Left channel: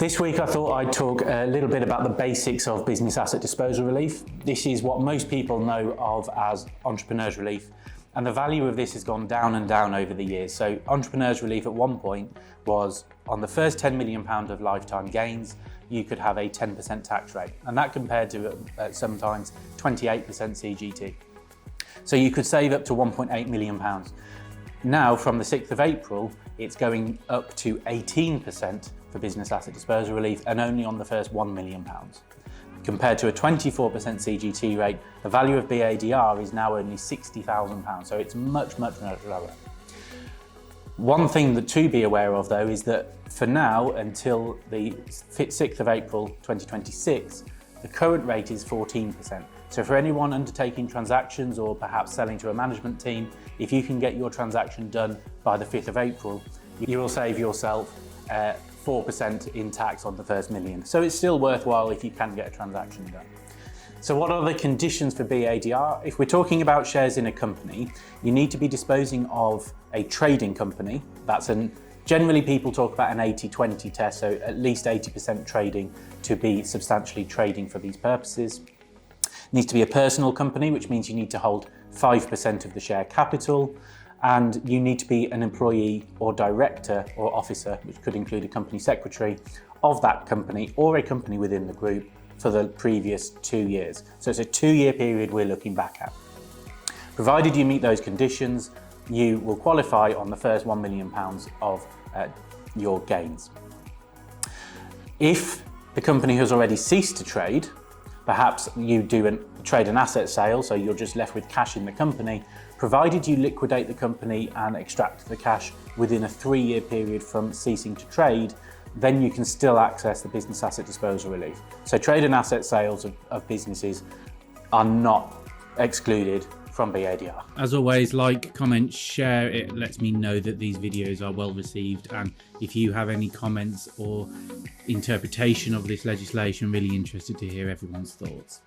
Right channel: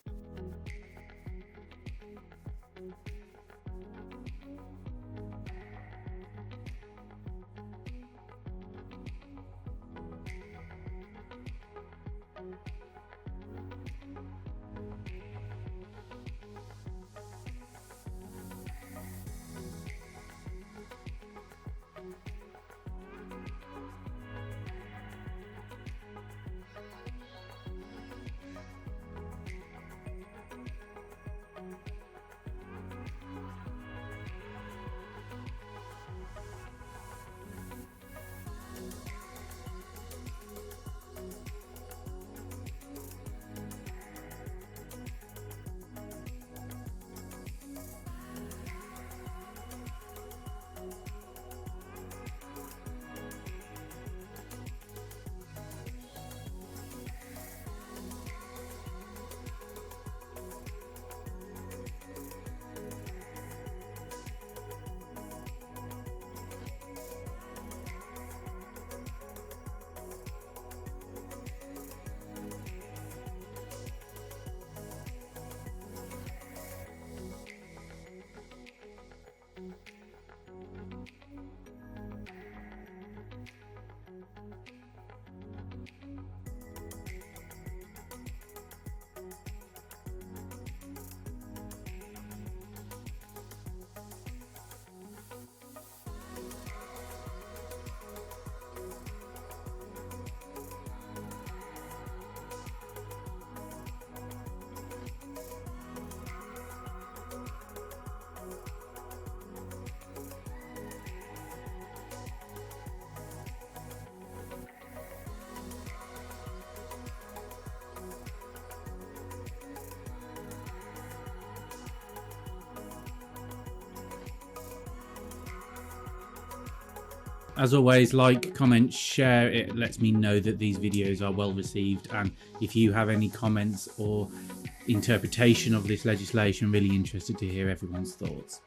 This week I thought I'd talk a little bit about the basics of business asset disposal relief. This is what most people know of as entrepreneurs relief, and the value of this has gone down and down over the years. So entrepreneurs relief at one point was on the first £10 million of lifetime gains, you could have a 10% tax rate, and that compared to sometimes 28% CGT. So you could save up to £1.8 million. Now, from the 6th of April, it's going up to 18% for business asset disposal relief, and only on the first £1 million. Compared to a 24% CGT rate, the value of BADR is now only £60,000, so it's much lower. One thing to be aware of though is that for now, until the 6th of April 2026, the current rate is 14%. So for anyone undertaking transactions or perhaps selling to a management team, if you can get your transaction done by the 5th of April, you will save yourself 4% in tax on the first million. So it's still worthwhile if you can get a transaction done. So what are the conditions for BADR? If we're talking about shares in a company, you need to be disposing of a trading company. Generally people talk about an 80-20 test, so at least 80% trading to be substantially trading for these purposes. It needs to be a personal company, which means you need to hold 5% of the share capital, and you need to be an employee or director or officer, which could include a company secretary, of that company or a company within the group for the previous 2 years. So it's a 2-year period we're looking back at. Provided you meet those conditions, you will qualify on the first £1 million of your gains. If the company has already ceased to trade, perhaps you trade an asset sale, so you're just left with cash in the company, provided you liquidate the company and extract the cash within a 3-year period from ceasing to trade, then you can still access the business asset disposal relief. So trade and asset sales of businesses are not excluded from BADR. As always, like, comment, share. It lets me know that these videos are well received, and if you have any comments or interpretation of this legislation, really interested to hear everyone's thoughts.